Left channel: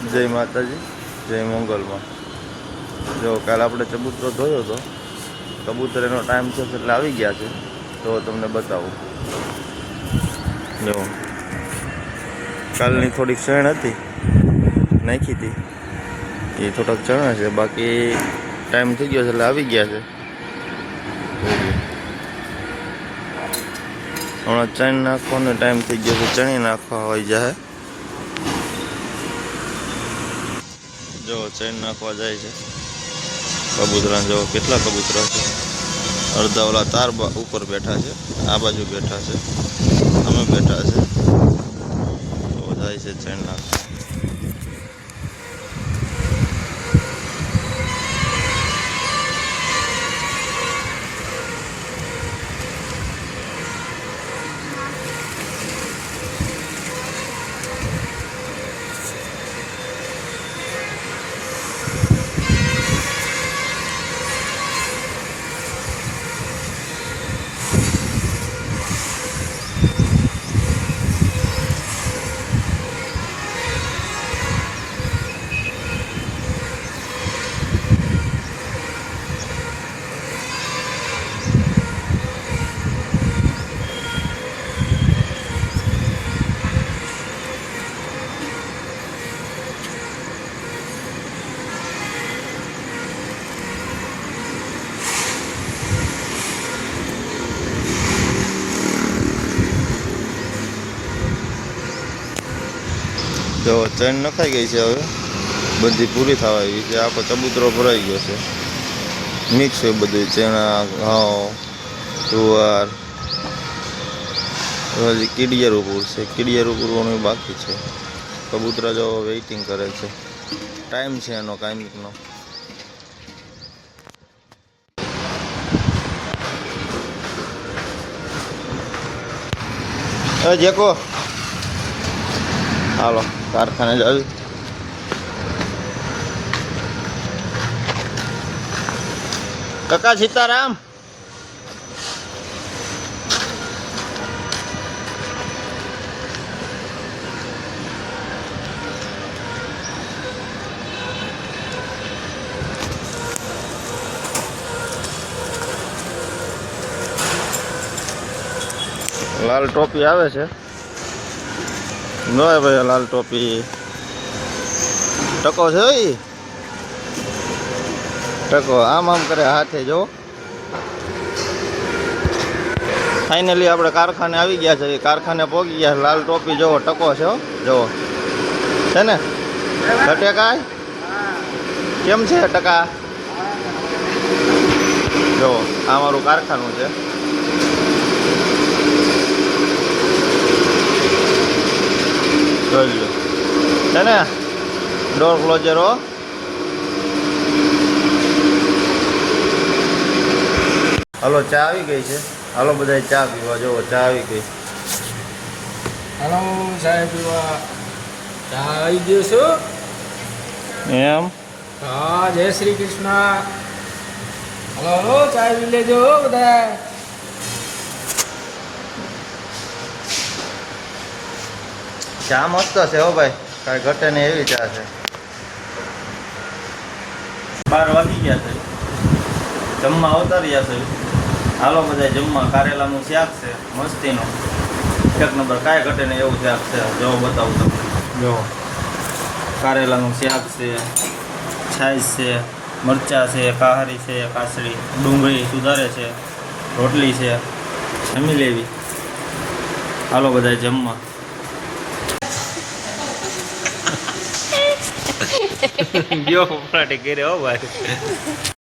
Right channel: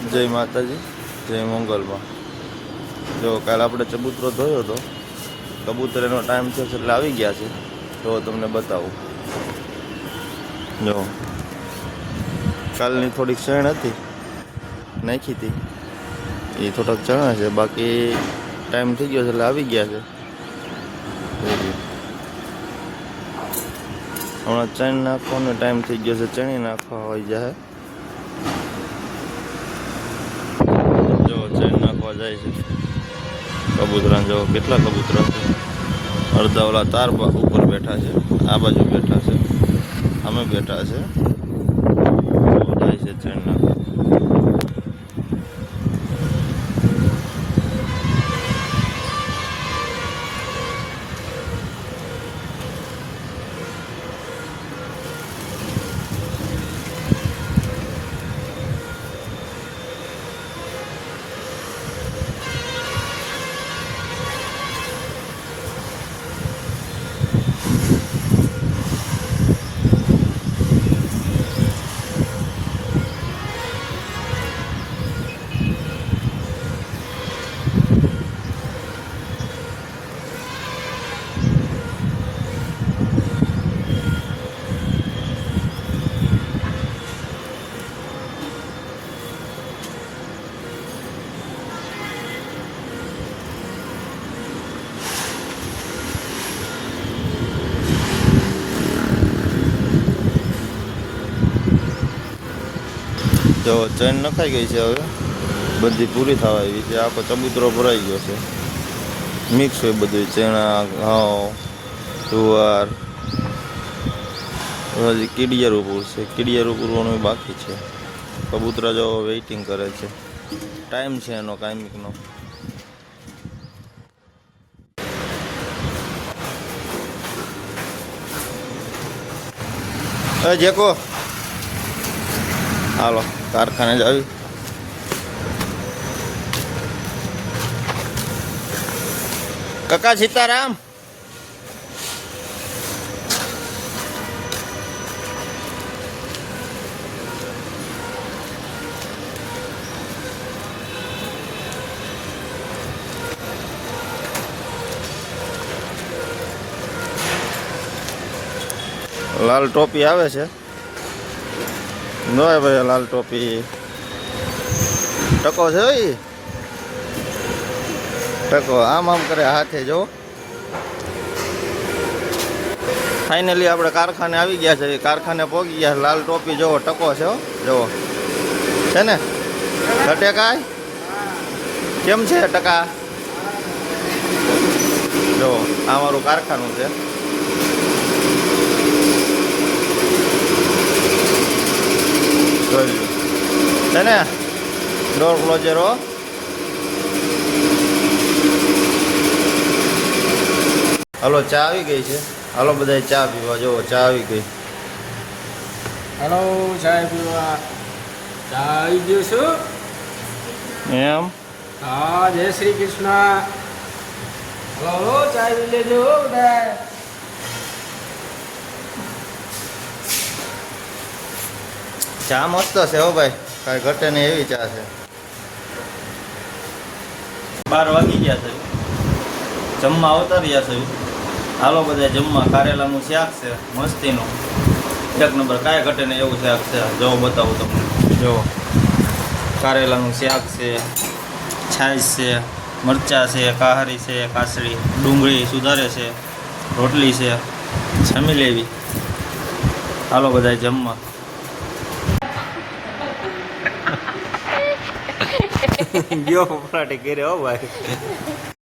જય માતાજી, જય મંગલમાં. જો કાલે આપણે ચબૂતરો ધોયો હતો કબૂતર એનો ટાઈમ થયો છે એટલે આવી ગયા છે. તો તમને બતાવું. જો, કાલની થોડીક ચણ હતી, નાખી હતી. એ થોડાક ચણા છે, બાકી ટાઈમ થઈ ગયો છે એટલે આવી ગયા છે. હમણાં ચણ નાખવાનો ટાઈમ થઈ ગયો છે, ચણી નાખવા હોય જાય જો ચેન નાખવા જાય છે કબૂતરા જો કેટલા કબૂતરા છે અડધા ઓલા તાર ઉપર બેઠા છે આ બાજુ બેઠા છે ચેન નખાઈ ગઈ છે હવે. બધી પૂરી થવા આવી છે. આખો ચબૂતરો ભરાઈ ગયો છે. મિક્સ હોય બધું. ચણા, ઘઉં, જુવાર. હજી કીડિયર ઉપર છે. કીડિયર ઉપરવાનું બાકી છે. કબૂતરા જવા વેઇટિંગ કરે છે. ટાઈમ છે એનો કાંઈકનો જેકો હાલો. કારખાને જ આવી. કાકા સીતારામ. લાલ ટોપી આવે છે. ના ભાઈ, લાલ ટોપી. ટકો છે ઈ? ટકો. આમ આમ કરે હાથે જો ફાઇનલી આપણે કારખાને આવી ગયા છે. કારખાને પહોંચી ગયા લાલ ટોપી જોવો, ટકો છે જોવો. છે ને? ઘટે કાંઈ? કેમ છે ટકા? જો આ મારું કારખાનું છે જોઈ લો છે ને ક્લોઝર હો હાલો ચા આવી ગઈ છે. હાલો બધા ચા પીવા જો ચા આવી ગઈ. હલો સાહેબ પીવા. ચા આવી ગયો છું. એમ? હા જય શ્રી કૃષ્ણ. હલો હલો ચા પી લેજો હો બધા ચા મસ્ત છે હો ભાઈ. કાંઈ ઘટે ને એવી ચા છે. બાર વાગી ગયા છે. જમવા આવતા રહ્યા છે. હાલો બધા જમવા. કારેલાનું શાક છે, મસ્તીનું. એક નંબર કાંઈ ઘટે ને એવું શાક છે. જો બતાવું તમને. જો, કારેલાનું શાક છે, છાશ છે, મરચાં છે, કાહારી છે, કાસળી, ડુંગળી સુધારે છે, રોટલી છે. જમી લેવી. હાલો બધા જમવા. ગયો ફફડાટી કર્યો ભાઈ.